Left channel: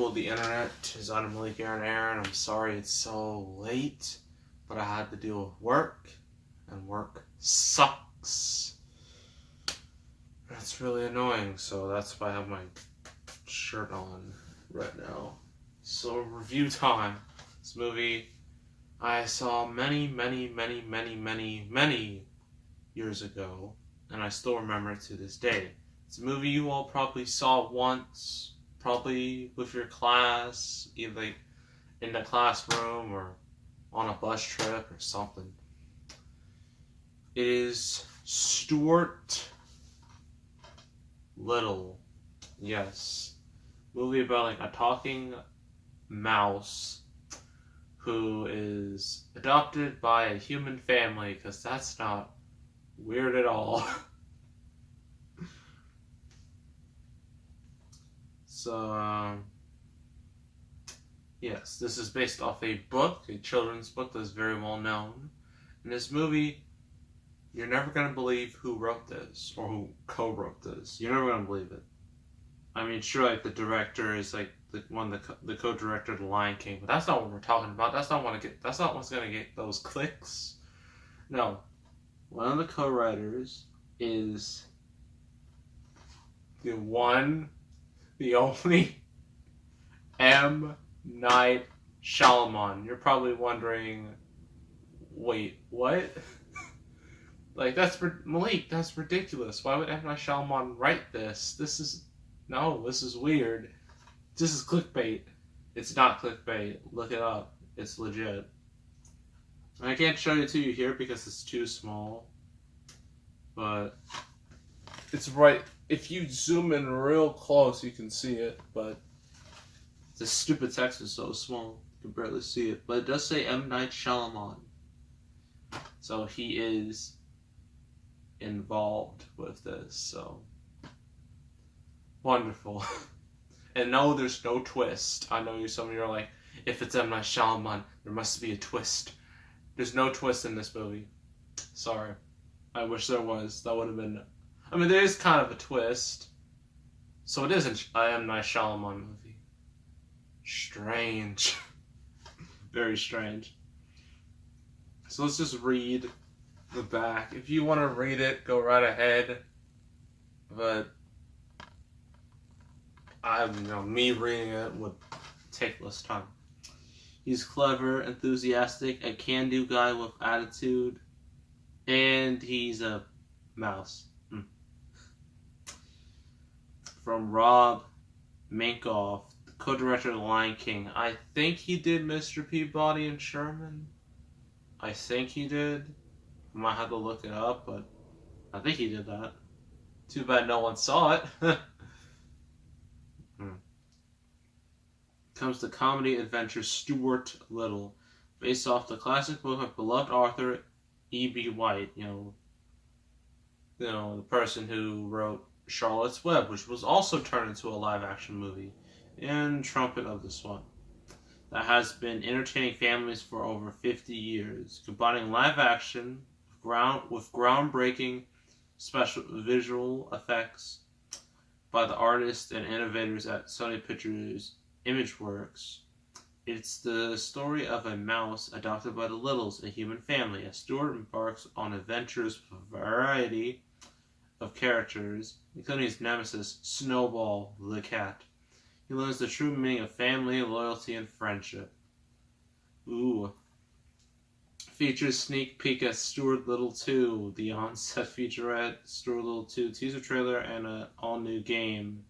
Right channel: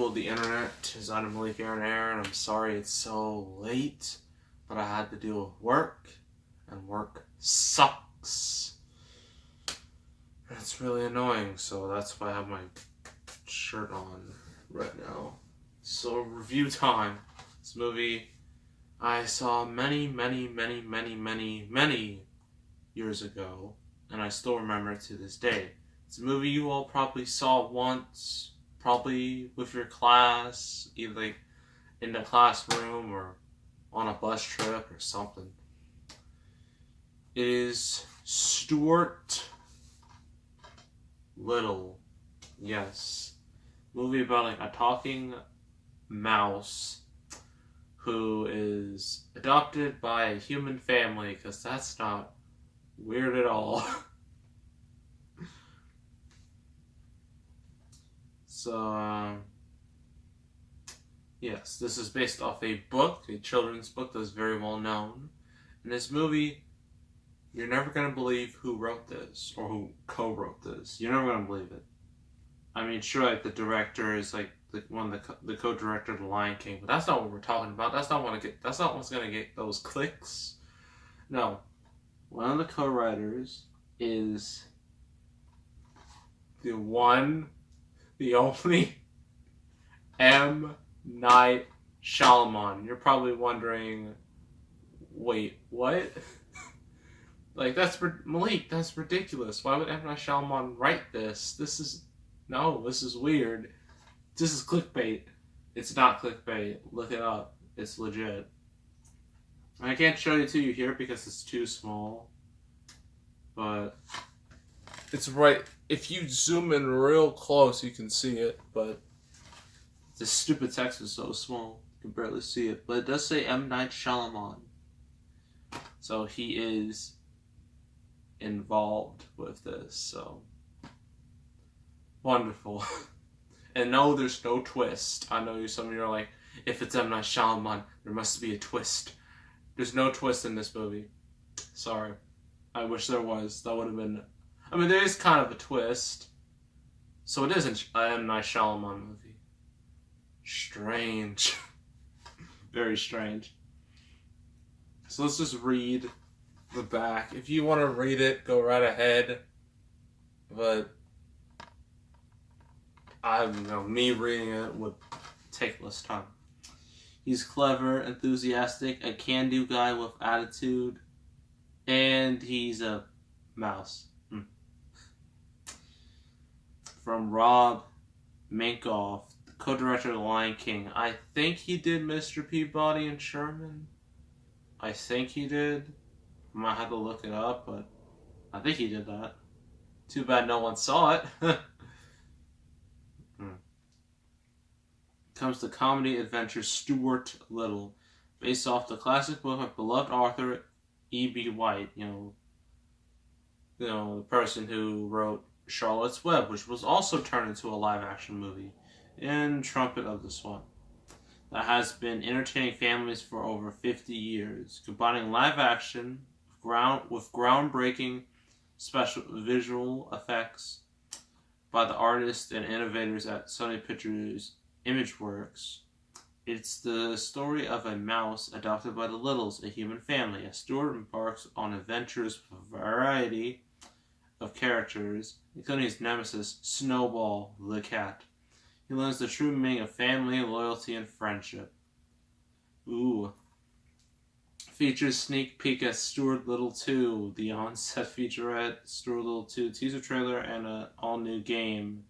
people of the internet. It's Adam Malik Aaron Aaron. I'm sorry it's so late, but I had to deal with work, and work sucks. That's really annoying, so that's why I have my shirt on right now. So, review time. This movie I saw many years ago, and I still remember it to this day. It's a movie you all probably saw once, probably with your class, either like in the classroom or on a bus trip or something. It is Stuart Little. Yes. Movie about like a talking mouse who is adopted by a human family, because that's not weird at all. So, yes, this is based off a book, a children's book that's very well known. In this movie, you're never going to believe who wrote this, or who co-wrote this. You're never going to believe it. I mean, sure, like, the director is, like, the co-director of The Lion King, but that's not what we're talking about. That's not what's going to get those clicks. No. One of the co-writers is the one, the only M. Night Shyamalan. You're probably wondering, wait, what? Like, Malik, that's ridiculous. Why would M. Night Shyamalan write this? This is weird. This is clickbait. It's not clickbait. Look it up. It's legit. I can't show it to you here because it's too small. But it's right. If you zoom in real close, you can see it. But the stupid text is so small, you can barely see it. But it does say M. Night Shyamalan. So he is involved with this. So wonderful. And no, there's no twist. I know some of you are like, if it's M. Night Shyamalan, there must be a twist. There's no twist in this movie. Sorry. I wish there was. That would have been... I mean, there is kind of a twist. So it is an M. Night Shyamalan movie. Strange. Very strange. So let's just read the back. If you want to read it, go right ahead. But me reading it would take less time. He's clever, enthusiastic, a can-do guy with attitude, and he's a mouse. From Rob Minkoff, co-director of The Lion King. I think he did Mr. Peabody and Sherman. I think he did. I might have to look it up, but I think he did that. Too bad no one saw it. Comes the comedy adventure Stuart Little, based off the classic book of beloved author E.B. White. The person who wrote Charlotte's Web, which was also turned into a live-action movie, and Trumpet of the Swan, that has been entertaining families for over 50 years, combining live-action with groundbreaking special visual effects by the artists and innovators at Sony Pictures Imageworks. It's the story of a mouse adopted by the Littles, a human family, as Stuart embarks on adventures with a variety of characters, including his nemesis, Snowball the cat. He learns the true meaning of family, loyalty, and friendship. Ooh. Features sneak peek at Stuart Little 2, the on-set featurette, Stuart Little 2 teaser trailer, and an all-new game.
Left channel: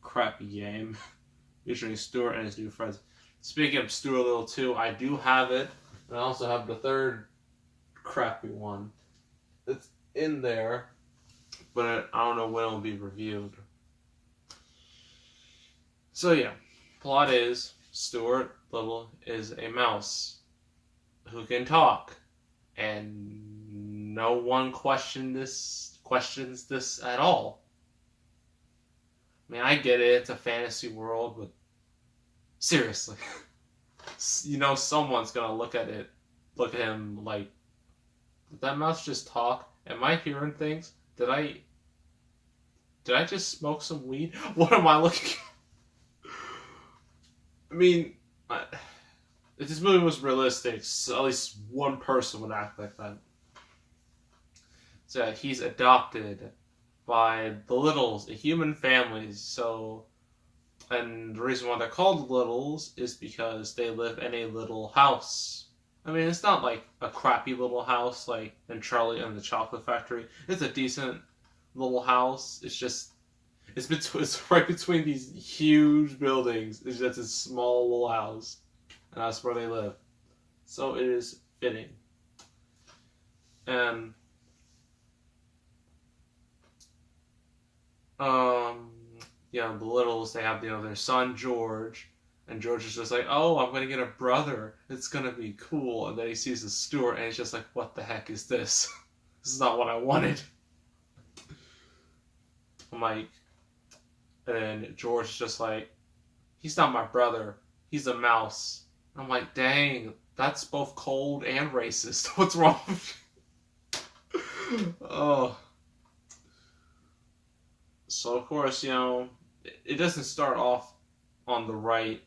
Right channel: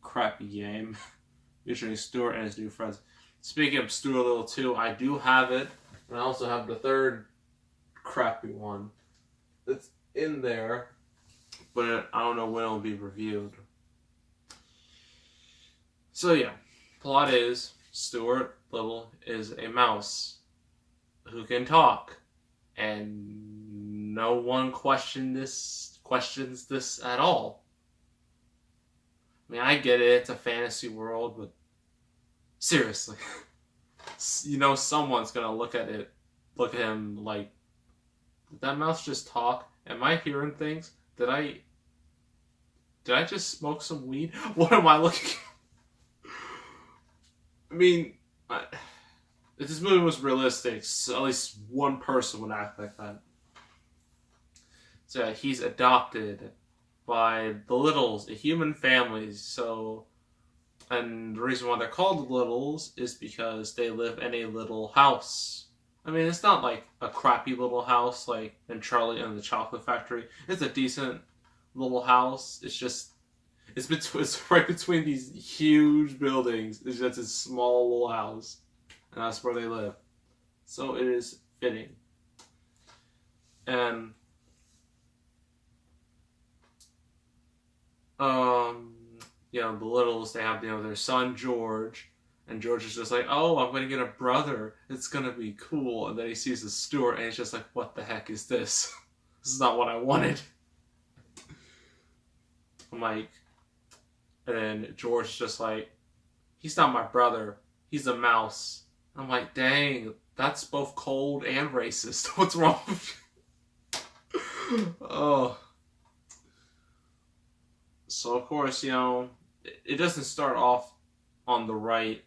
A crappy game. Featuring Stuart and his new friends. Speaking of Stuart Little 2, I do have it. And I also have the third crappy one. It's in there. But I don't know when it'll be reviewed. So yeah. Plot is, Stuart Little is a mouse who can talk. And no one questions this at all. I mean, I get it, it's a fantasy world, but seriously. Someone's gonna look at him like, did that mouse just talk? Am I hearing things? Did I just smoke some weed? What am I looking at? I mean, if this movie was realistic, so at least one person would act like that. So he's adopted by the Littles, a human family. So, and the reason why they're called the Littles is because they live in a little house. I mean, it's not like a crappy little house like in Charlie and the Chocolate Factory. It's a decent little house. It's right between these huge buildings. It's just a small little house, and that's where they live. So it is fitting. And the Littles, they have their son George, and George is just like, oh, I'm gonna get a brother. It's gonna be cool. And then he sees the Stuart, and he's just like, what the heck is this? This is not what I wanted. I'm like, and George is just like, he's not my brother. He's a mouse. I'm like, dang, that's both cold and racist. What's wrong with you? Oh. So, of course, it doesn't start off on the right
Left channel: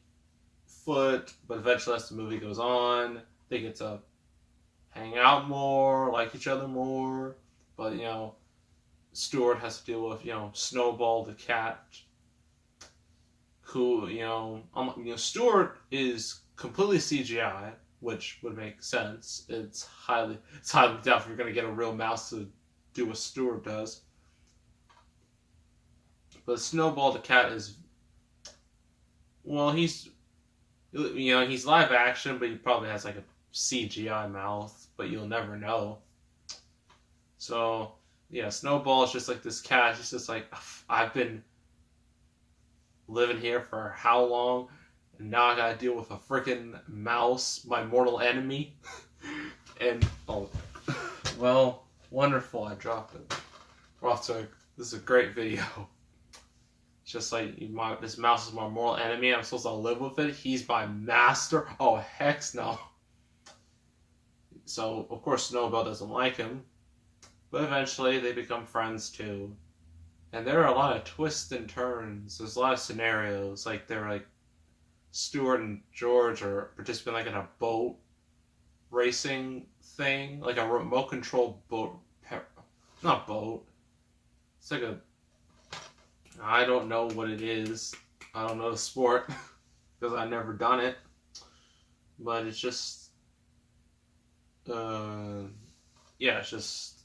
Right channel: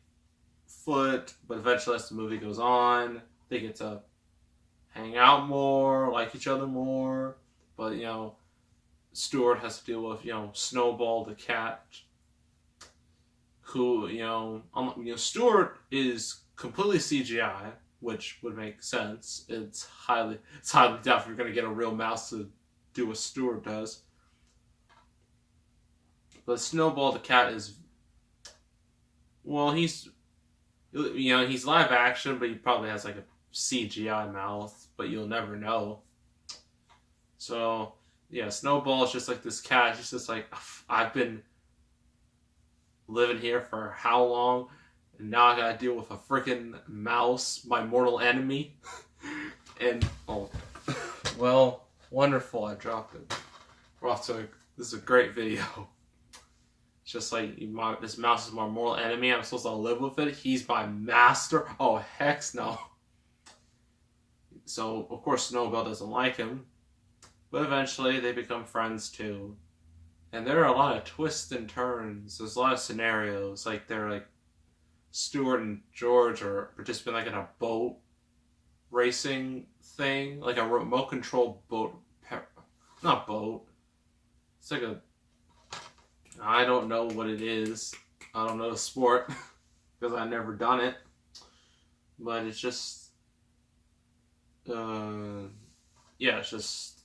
foot, but eventually as the movie goes on, they get to hang out more, like each other more. But, Stuart has to deal with, Snowball the cat, who, Stuart is completely CGI, which would make sense. It's highly doubtful you're going to get a real mouse to do what Stuart does. But Snowball the cat is, well, he's live action, but he probably has like a CGI mouth, but you'll never know. So, yeah, Snowball is just like this cat. He's just like, I've been living here for how long, and now I gotta deal with a freaking mouse, my mortal enemy. And, well, wonderful, I dropped it. We're off to this is a great video. It's just like, this mouse is my mortal enemy, and I'm supposed to live with it. He's my master. Oh, heck no. So, of course, Snowball doesn't like him. But eventually, they become friends, too. And there are a lot of twists and turns. There's a lot of scenarios. Like, they're like, Stuart and George are participating like in a boat racing thing. Like a remote control boat. Not boat. It's like I don't know what it is. I don't know the sport because I've never done it. But it's just, it's just,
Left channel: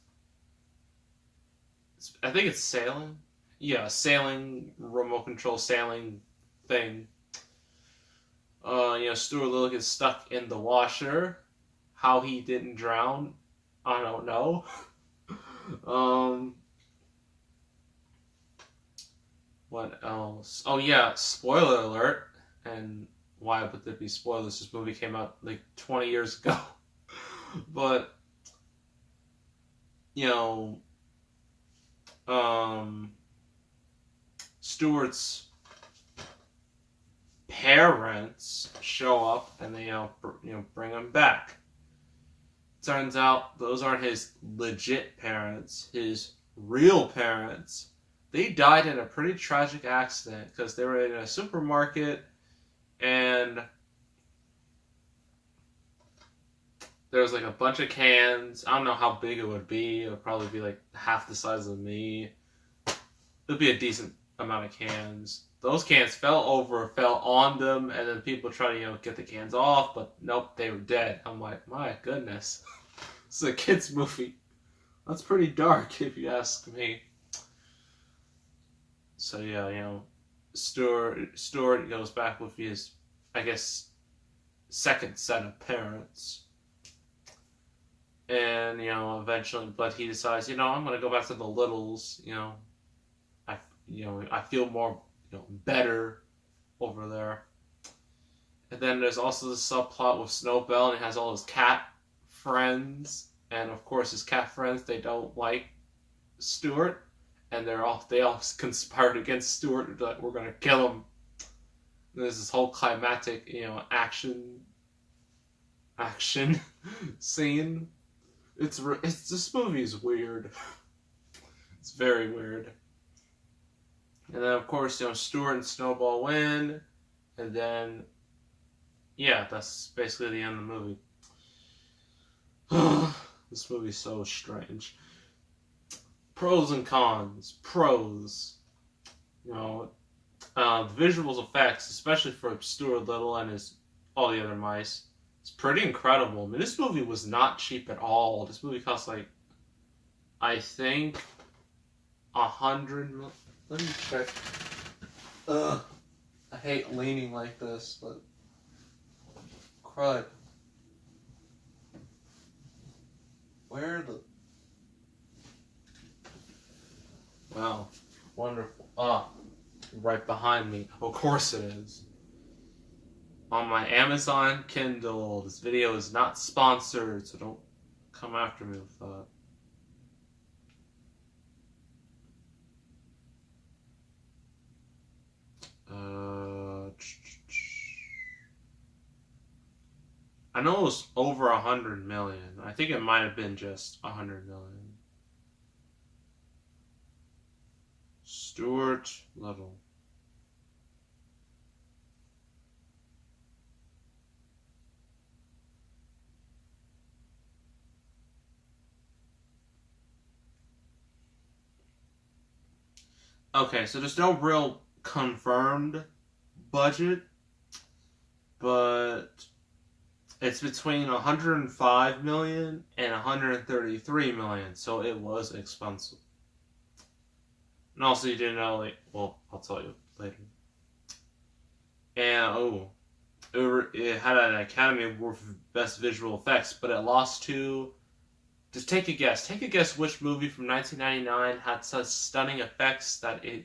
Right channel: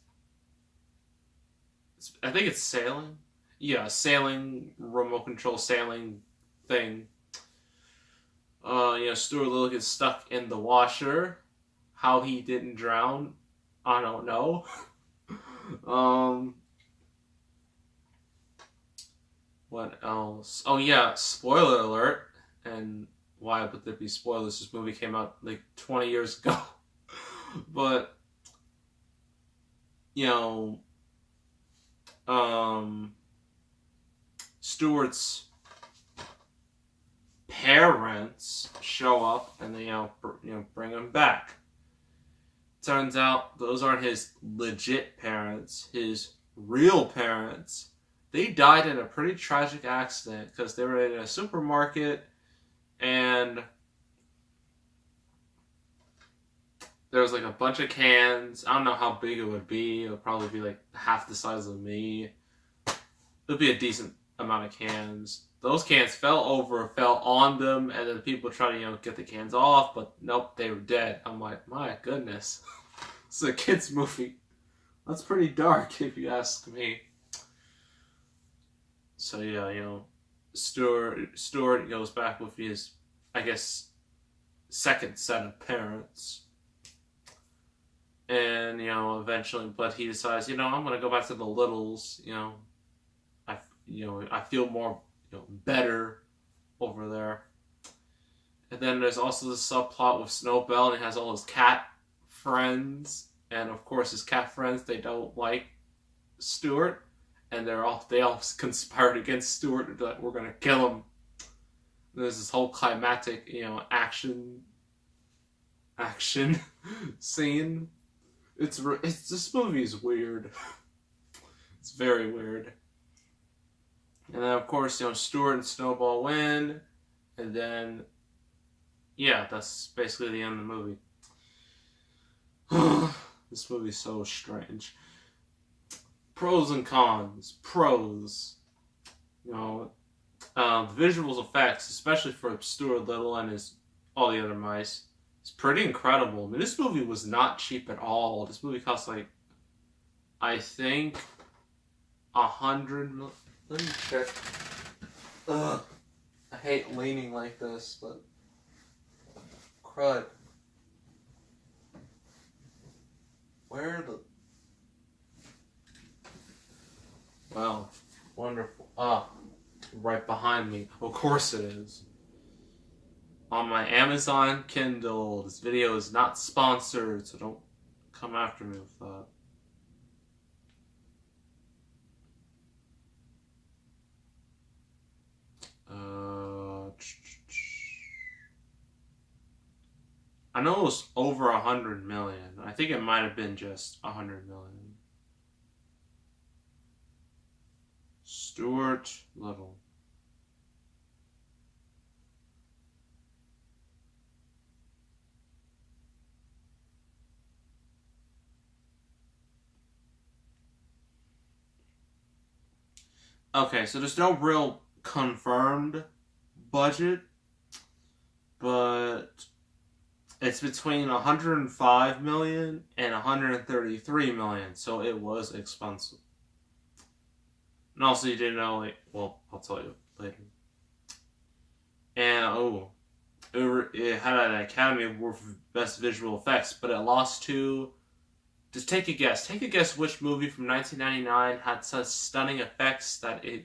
I think it's sailing. Yeah, sailing, remote control sailing thing. Stuart Little gets stuck in the washer. How he didn't drown, I don't know. What else? Oh yeah, spoiler alert. And why would there be spoilers? This movie came out like 20 years ago. But, Stuart's parents show up and they bring him back. Turns out those aren't his legit parents. His real parents, they died in a pretty tragic accident because they were in a supermarket and there was like a bunch of cans. I don't know how big it would be. It would probably be like half the size of me. It would be a decent amount of cans. Those cans fell on them, and then people try to, get the cans off, but nope, they were dead. I'm like, my goodness. This is a kid's movie. That's pretty dark, if you ask me. So, yeah, Stuart goes back with his, I guess, second set of parents. And, eventually, but he decides, I'm going to go back to the Littles, I feel more, better over there. And then there's also the subplot with Snowball, and he has all his cat friends. And, of course, his cat friends, they don't like Stuart. And they all conspired against Stuart, like, we're going to kill him. And there's this whole climactic, action scene. This movie is weird. It's very weird. And then, of course, Stuart and Snowball win. And then yeah, that's basically the end of the movie. This movie's so strange. Pros and cons. Pros. You know, the visual effects, especially for Stuart Little and his all the other mice, it's pretty incredible. I mean, this movie was not cheap at all. This movie cost like, I think, 100. Let me check. Ugh, I hate leaning like this, but crud. Where the? Wow, wonderful. Right behind me. Of course it is. On my Amazon Kindle. This video is not sponsored, so don't come after me with that. I know it was over 100 million. I think it might have been just 100 million. Stuart Little. Okay, so there's no real confirmed budget, but it's between 105 million and 133 million, so it was expensive. And also, you didn't know, like, well, I'll tell you later. And, it had an Academy Award for Best Visual Effects, but it lost to... Just take a guess. Take a guess which movie from 1999 had such stunning effects that it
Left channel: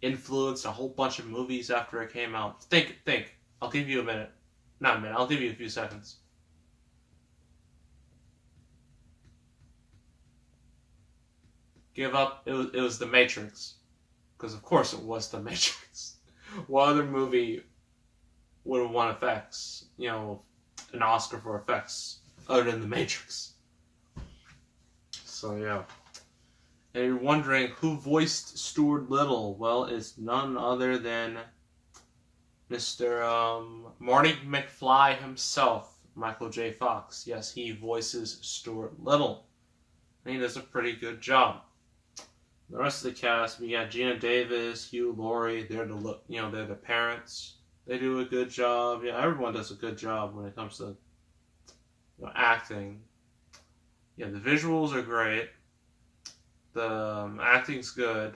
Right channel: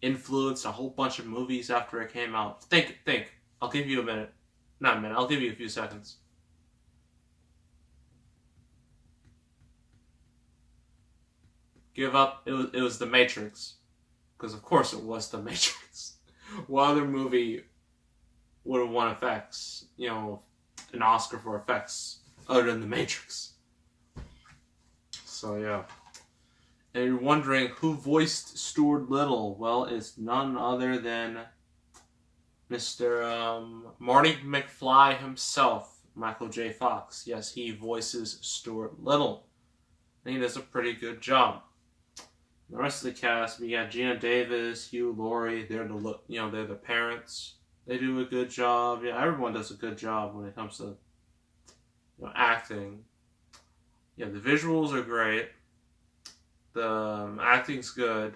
influenced a whole bunch of movies after it came out. Think. I'll give you a minute. Not a minute, I'll give you a few seconds. Give up. It was The Matrix. Because of course it was The Matrix. What other movie would have won effects? You know, an Oscar for effects other than The Matrix. So yeah. And you're wondering who voiced Stuart Little? Well, it's none other than Mr. Marty McFly himself, Michael J. Fox. Yes, he voices Stuart Little. And he does a pretty good job. The rest of the cast, we got Gina Davis, Hugh Laurie. They're the parents. They do a good job. Yeah, everyone does a good job when it comes to acting. Yeah, the visuals are great. The acting's good.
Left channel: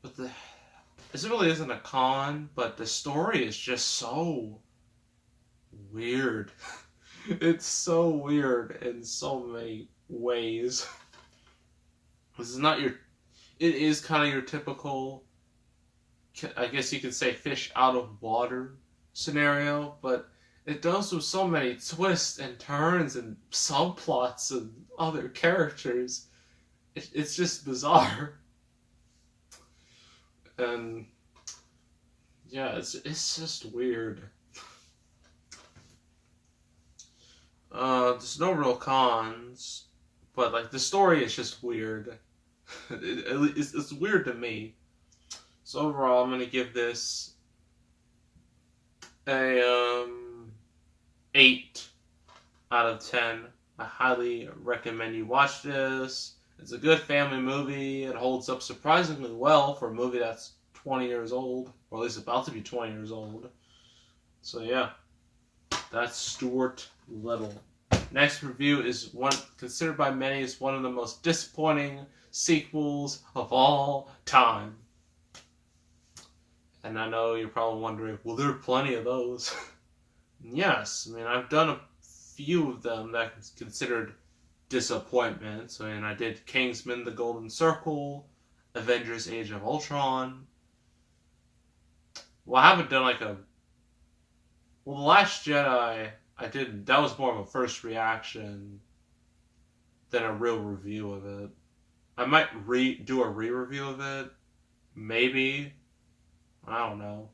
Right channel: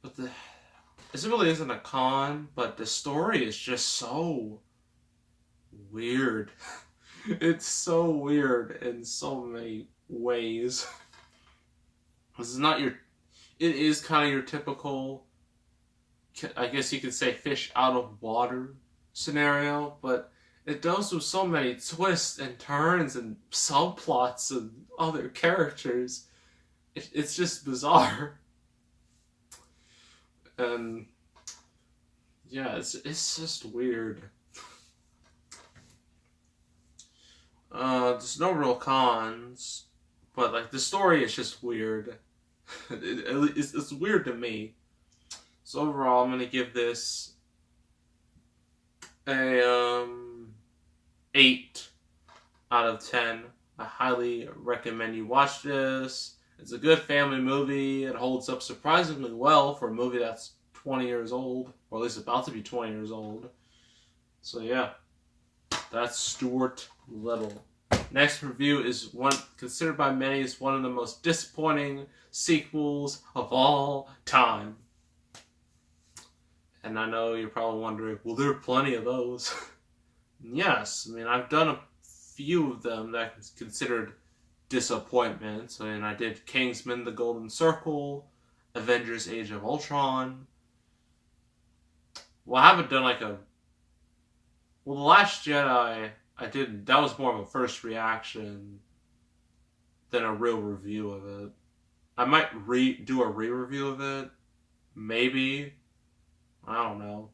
But this really isn't a con, but the story is just so weird. It's so weird in so many ways. This is not it is kind of your typical, I guess you could say, fish out of water scenario, but it does with so many twists and turns and subplots and other characters. It's just bizarre. And yeah, it's just weird. There's no real cons, but like the story is just weird. It's weird to me. So overall, I'm gonna give this a 8 out of 10. I highly recommend you watch this. It's a good family movie. It holds up surprisingly well for a movie that's 20 years old, or at least about to be 20 years old. So yeah, that's Stuart Little. Next review is one considered by many as one of the most disappointing sequels of all time. And I know you're probably wondering, well, there are plenty of those. Yes, I mean, I've done a few of them that are considered disappointments. I mean, I did Kingsman: The Golden Circle, Avengers: Age of Ultron. Well, I haven't done well, The Last Jedi, I didn't. That was more of a first reaction than a real review of it. I might do a re-review of it. Maybe. I don't know.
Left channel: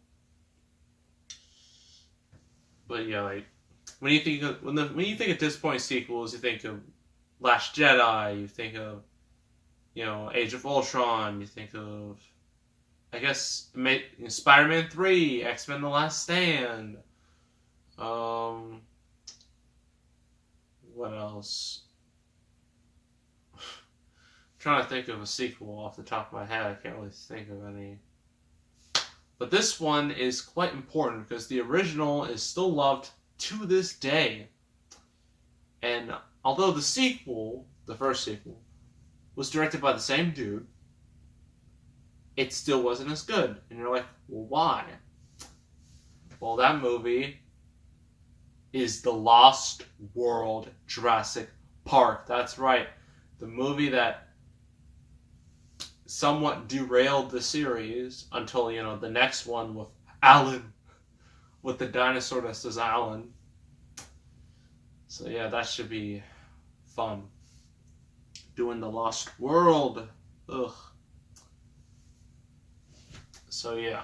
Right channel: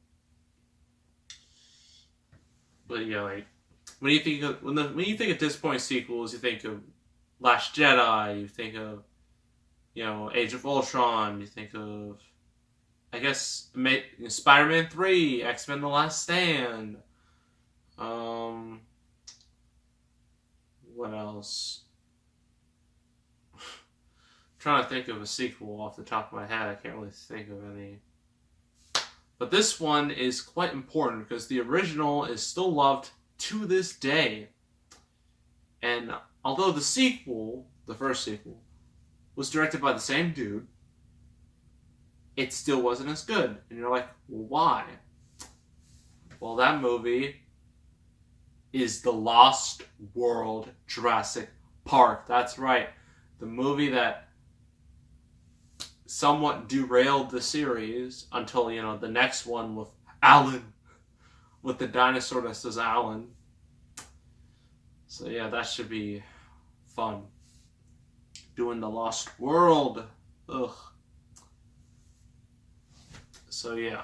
But yeah, like, when you think of disappointing sequels, you think of Last Jedi, you think of, Age of Ultron, you think of, I guess, Spider-Man 3, X-Men: The Last Stand. What else? Trying to think of a sequel off the top of my head. I can't really think of any. But this one is quite important because the original is still loved to this day. And although the sequel, the first sequel, was directed by the same dude, it still wasn't as good. And you're like, well, why? Well, that movie is The Lost World Jurassic Park. That's right. The movie that somewhat derailed the series until, you know, the next one with Alan. With the dinosaur that says Alan. So yeah, that should be fun. Doing The Lost World. Ugh. So yeah.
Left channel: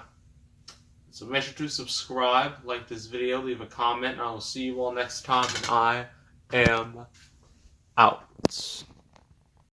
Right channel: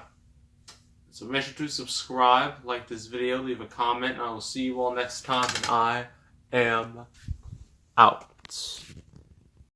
So make sure to subscribe, like this video, leave a comment, and I will see you all next time. And I am out.